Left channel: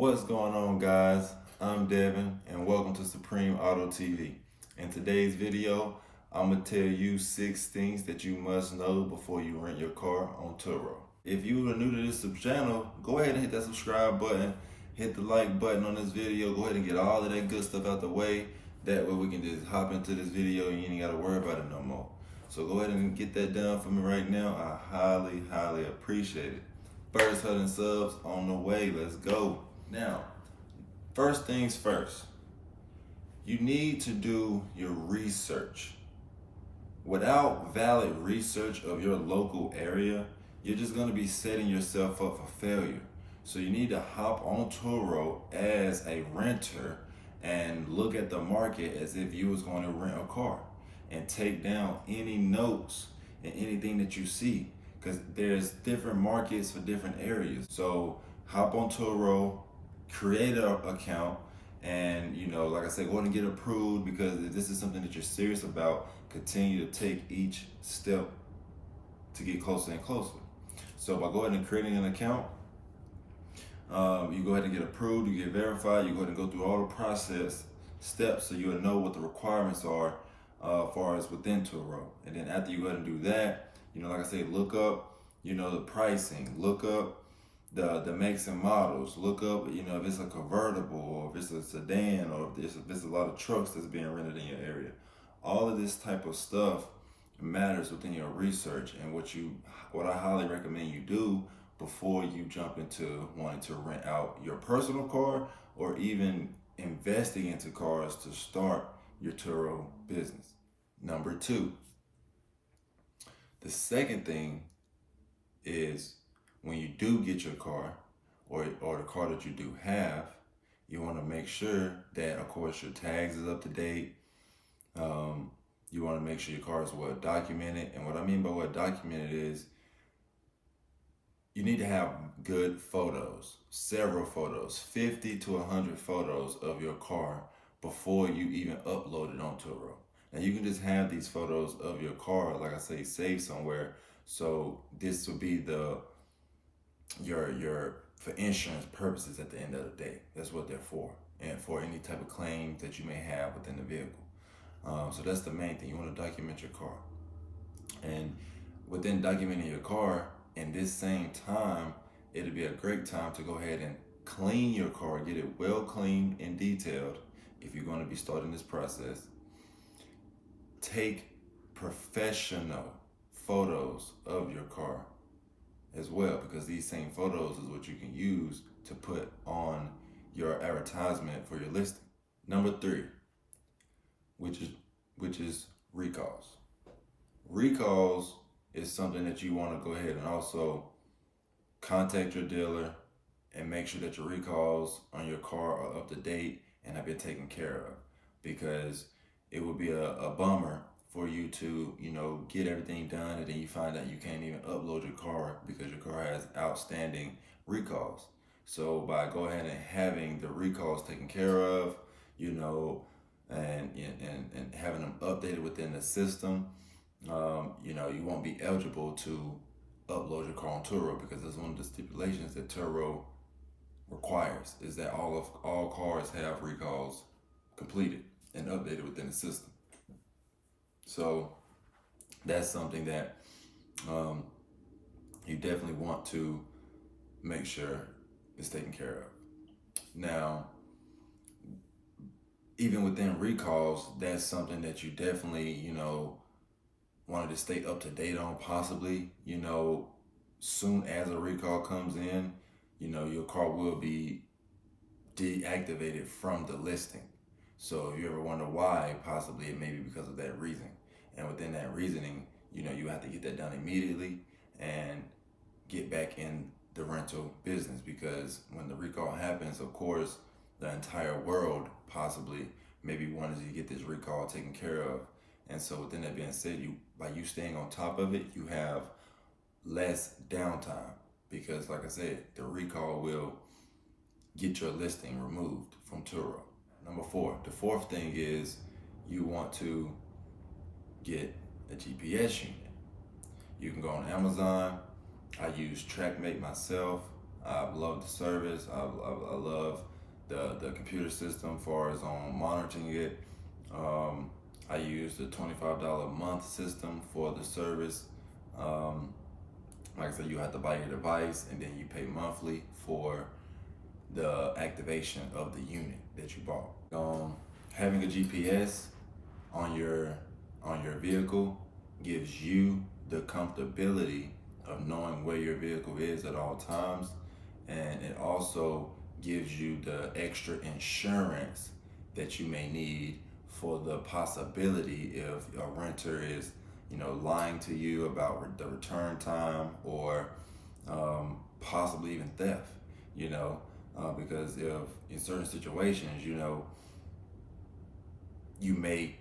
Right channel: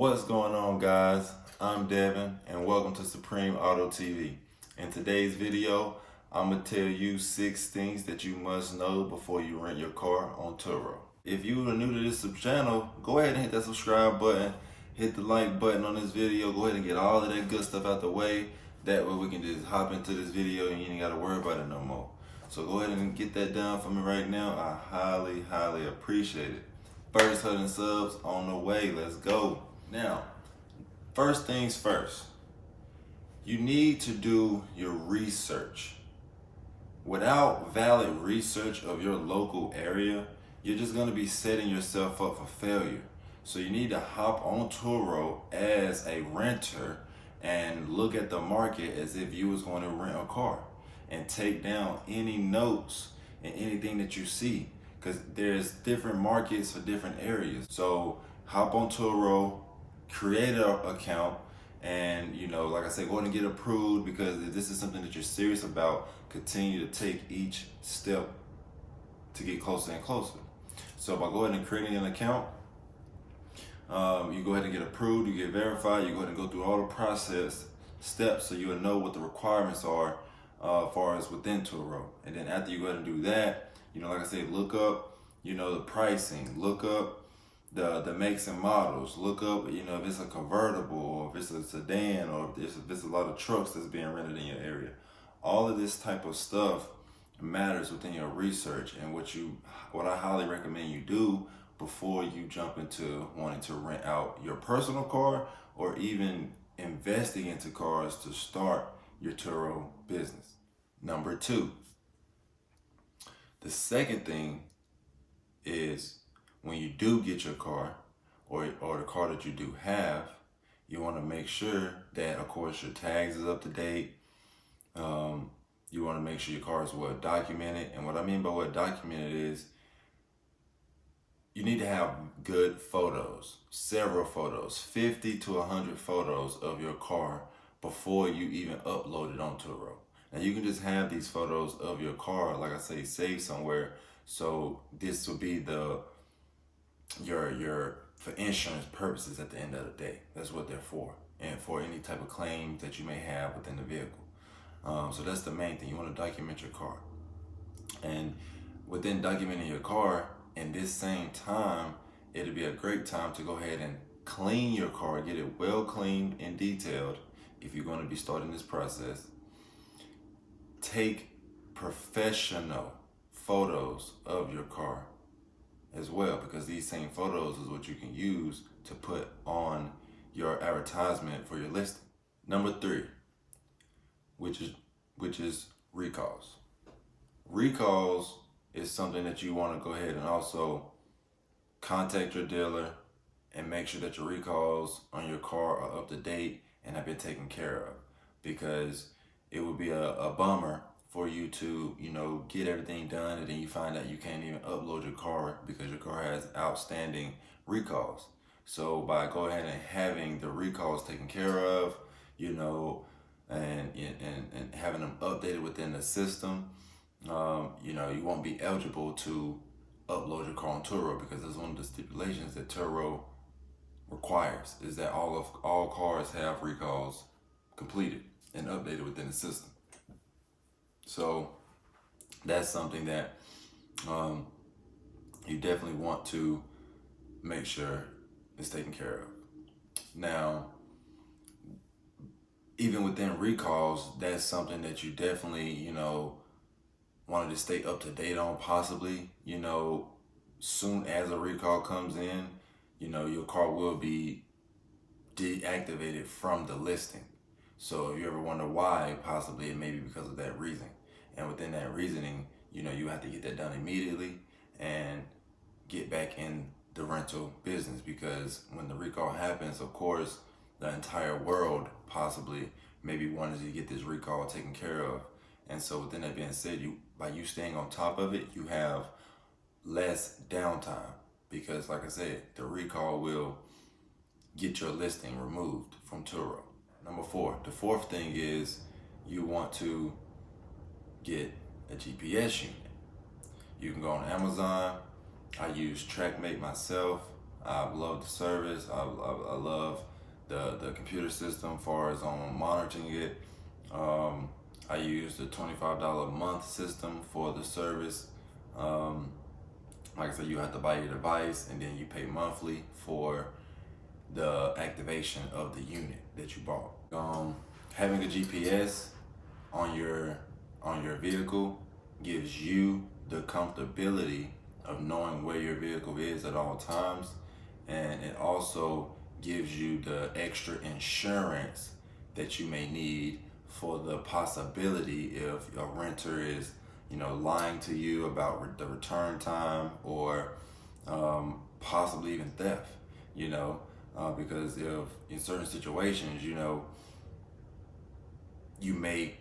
What's going on, guys? I'm Devin and welcome to Supreme Auto TV. In today's video, I'm gonna tell you 6 things that you must know before you rent your car on TURO. If you are new to this channel, go ahead and hit that subscribe button, hit the like button on this video, go ahead and get all of that good stuff out the way. That way we can just hop into this video and you ain't gotta worry about it no more. So go ahead and get that done for me right now. I highly appreciate it. First 100 subs on the way, let's go. Now, first things first, you need to do your research. Without valid research of your local area, you're just gonna be setting yourself up for failure. So you need to hop on TURO as a renter and look at the market as if you was going to rent a car and take down any notes and anything that you see, because there's different markets for different areas. So hop on TURO, create an account, and like I said, go ahead and get approved, because if this is something that you're serious about, continue to take each step to get closer and closer. So by going and creating an account, you go ahead and get approved, you get verified, you go ahead and go through all the process steps so you'll know what the requirements are as far as within TURO. And then after you go ahead and do that, like I said, look up, the pricing, look up the makes and models, look up, if it's a convertible or if it's a sedan or if it's a lot of trucks that's being rented in your area. All of this type of stuff matters within your research, and what I highly recommend you do before you jump into wanting to rent out your personal car or even investing into cars to start your TURO business. Number 2, the second thing is, when you do get your car or the car that you do have, you want to make sure that, of course, your tags is up to date. You want to make sure your car is well documented. And what I mean by well documented is, you need to have good photos, several photos, 50 to 100 photos of your car before you even upload it on TURO. Now you can just have these photos of your car, like I say, saved somewhere. So this will be your for insurance purposes at the end of the day. That's what they're for, and for any type of claims that you may have within the vehicle. So that's the main thing. You want to document your car, and within documenting your car, in this same time, it'll be a great time to go ahead and clean your car, get it well cleaned and detailed. If you're going to be starting this process, take professional photos of your car as well, because these same photos is what you can use to put on your advertisement for your listing. Number 3, which is recalls. Recalls is something that you want to go ahead and also contact your dealer and make sure that your recalls on your car are up to date and have been taken care of, because it would be a bummer for you to get everything done and then you find out you can't even upload your car because your car has outstanding recalls. So by going ahead and having the recalls taken care of, and having them updated within the system, you won't be eligible to upload your car on TURO, because that's one of the stipulations that TURO requires, is that all cars have recalls completed and updated within the system. So that's something that you definitely want to make sure is taken care of. Now, even within recalls, that's something that you definitely, wanted to stay up to date on, possibly, soon as a recall comes in, your car will be deactivated from the listing. So if you ever wonder why, possibly it may be because of that reason. And within that reasoning, you have to get that done immediately and get back in the rental business, because when the recall happens, of course, the entire world possibly maybe wanted to get this recall taken care of. And so within that being said, by you staying on top of it, you have less downtime, because like I said, the recall will get your listing removed from TURO. Number 4, the fourth thing is, you want to get a GPS unit. You can go on Amazon. I use TrackMate myself. I love the service. I love the computer system as far as on monitoring it. Um, I use the $25 a month system for the service. Um, like I said, you have to buy your device and then you pay monthly for the activation of the unit that you bought. Having a GPS on your vehicle gives you the comfortability of knowing where your vehicle is at all times, and it also gives you the extra insurance that you may need for the possibility if a renter is, lying to you about the return time, or possibly even theft. Because if in certain situations, you may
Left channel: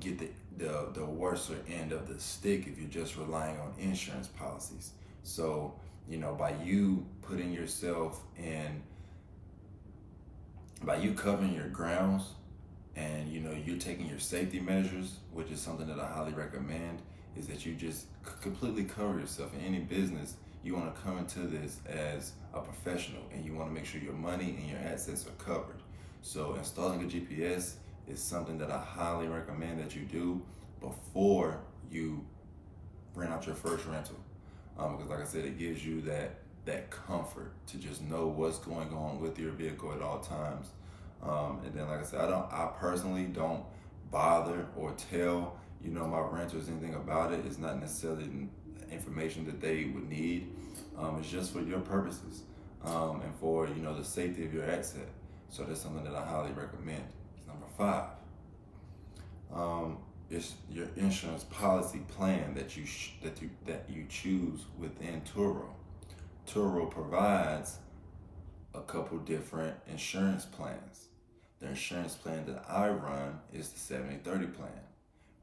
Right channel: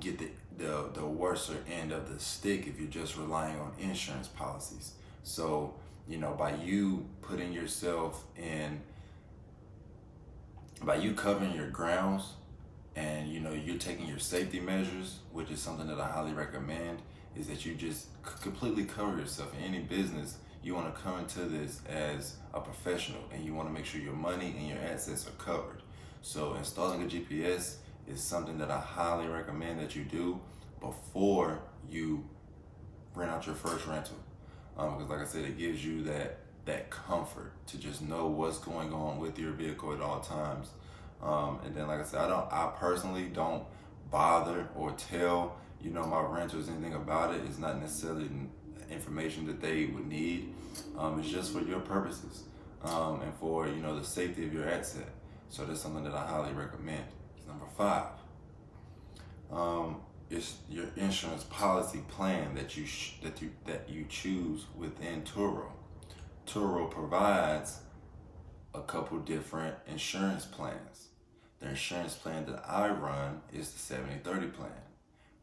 get the worser end of the stick if you're just relying on insurance policies. So, by you putting yourself in, by you covering your grounds, and you're taking your safety measures, which is something that I highly recommend, is that you just completely cover yourself. In any business, you want to come into this as a professional, and you want to make sure your money and your assets are covered. So installing a GPS is something that I highly recommend that you do before you rent out your first rental. Because like I said, it gives you that comfort to just know what's going on with your vehicle at all times. And then, like I said, I personally don't bother or tell, my renters anything about it. It's not necessarily information that they would need. It's just for your purposes, and for, the safety of your asset. So that's something that I highly recommend. Number 5, it's your insurance policy plan that you choose within TURO. TURO provides a couple different insurance plans. The insurance plan that I run is the 70-30 plan.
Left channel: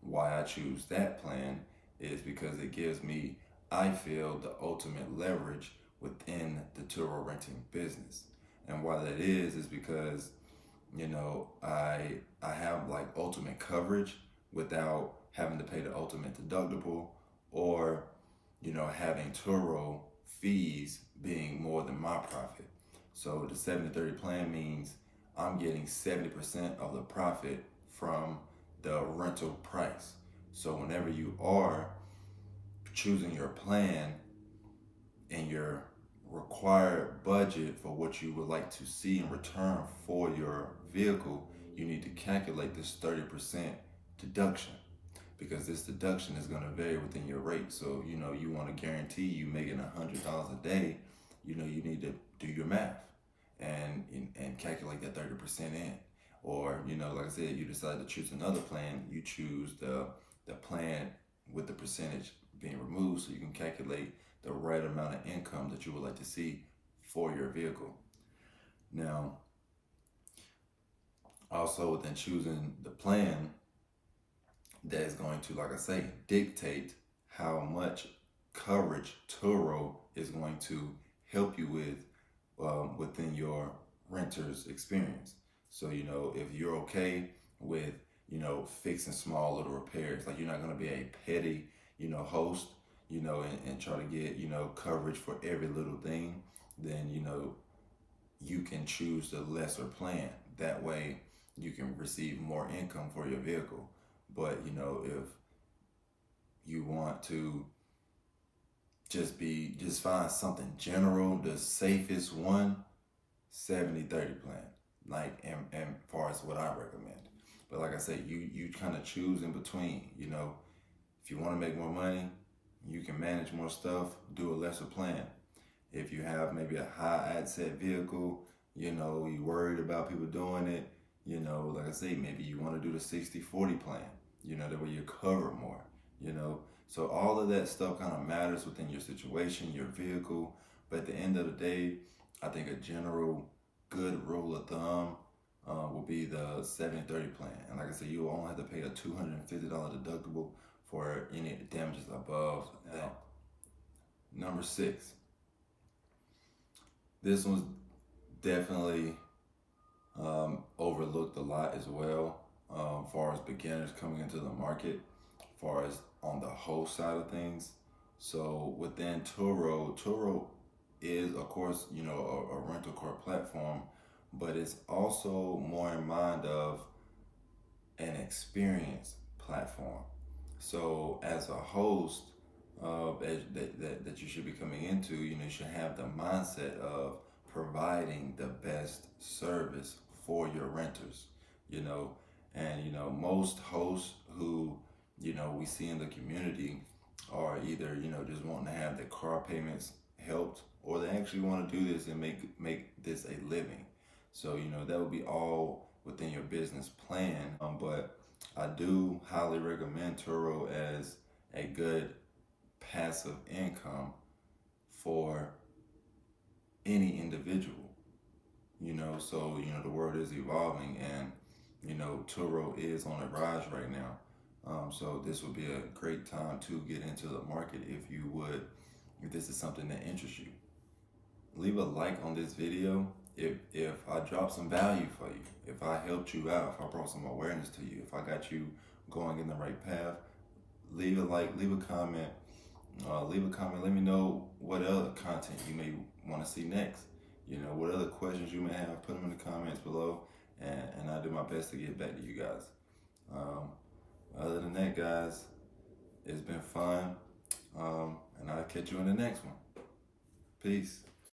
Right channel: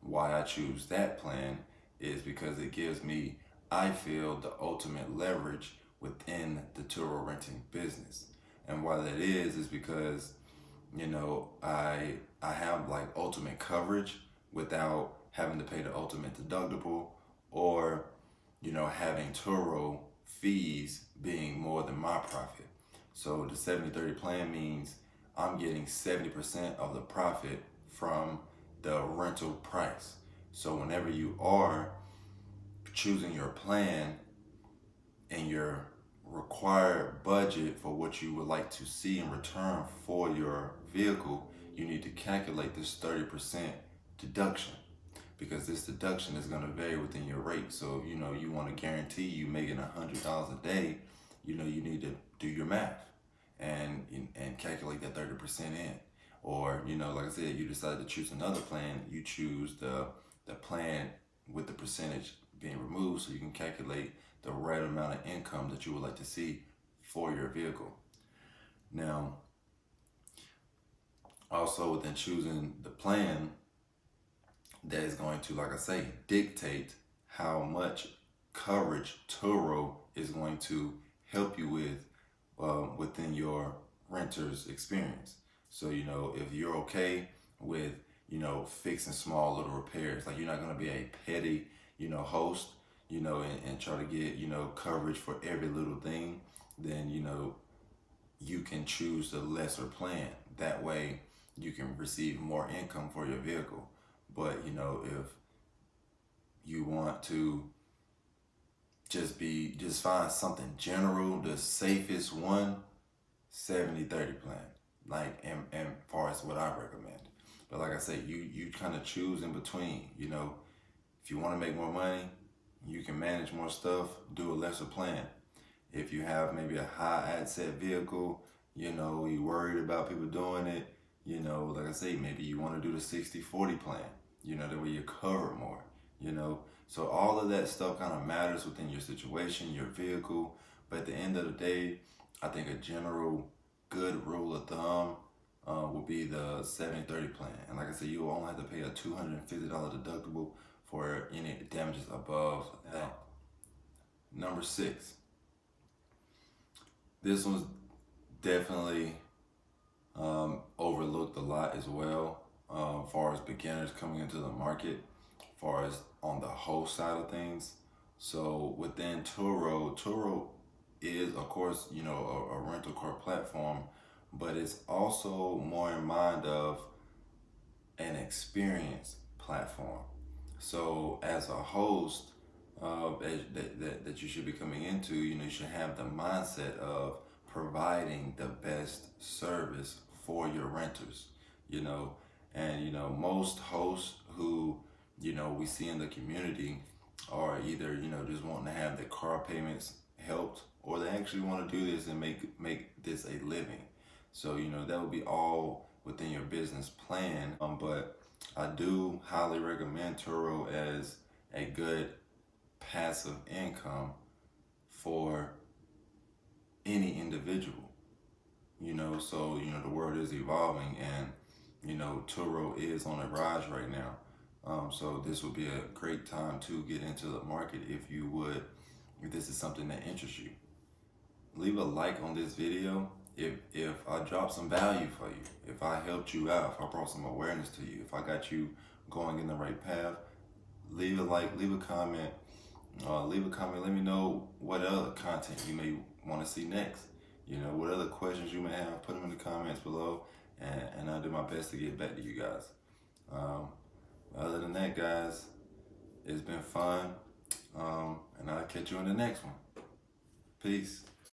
Why I choose that plan is because it gives me, I feel, the ultimate leverage within the TURO renting business. And why that is because, I have like ultimate coverage without having to pay the ultimate deductible, or, having TURO fees being more than my profit. So the 70-30 plan means I'm getting 70% of the profit from the rental price. So whenever you are choosing your plan and your required budget for what you would like to see in return for your vehicle, you need to calculate this 30% deduction, because this deduction is going to vary within your rate. So, you want to guarantee you making $100 a day, you need to do your math and calculate that 30% in. Or, like I said, you decide to choose another plan, you choose the plan with the percentage being removed, so you can calculate the right amount of income that you would like to see for your vehicle. Now, also within choosing the plan, that is going to, like I say, dictate how much coverage TURO is going to help you with within your renter's experience. So, if you're okay with, fixing small little repairs, like you're not going to be a petty, host, and try to get, coverage for every little thing, then, you can choose the lesser plan. That way you can receive more income for your vehicle. But, if you want to just find something general, the safest one, 70-30 plan, like, and far as what I recommend. But like I said, you kind of choose in between. If you want to make more money, you can manage more stuff, do a lesser plan. If you have maybe a high asset vehicle, you're worried about people doing it, like I say, maybe you want to do the 60-40 plan, that way you cover more, So all of that stuff kind of matters within your situation, your vehicle. But at the end of the day, I think a general good rule of thumb will be the 70-30 plan. And like I said, you will only have to pay a $250 deductible for any damages above that. Number 6. This one's definitely overlooked a lot as well, as far as beginners coming into the market, as far as on the host side of things. So within TURO is, of course, you know, a rental car platform, but it's also more in mind of an experience platform. So as a host that you should be coming into, you know, you should have the mindset of providing the best service for your renters, you know. And you know, most hosts who, you know, we see in the community are either, you know, just wanting to have their car payments helped, or they actually want to do this and make this a living. So you know, that would be all within your business plan. But I do highly recommend Turo as a good passive income for any individual. You know, so you know, the world is evolving, and you know, Turo is on a rise right now. So this would be a great time to get into the market if this is something that interests you. Leave a like on this video if I dropped some value for you, if I helped you out, if I brought some awareness to you, if I got you going in the right path. Leave a like, leave a comment, Let me know what other content you may want to see next. You know, what other questions you may have, put them in the comments below, and I'll do my best to get back to you guys. Um, Other than that, guys, it's been fun, and I'll catch you in the next one. Peace.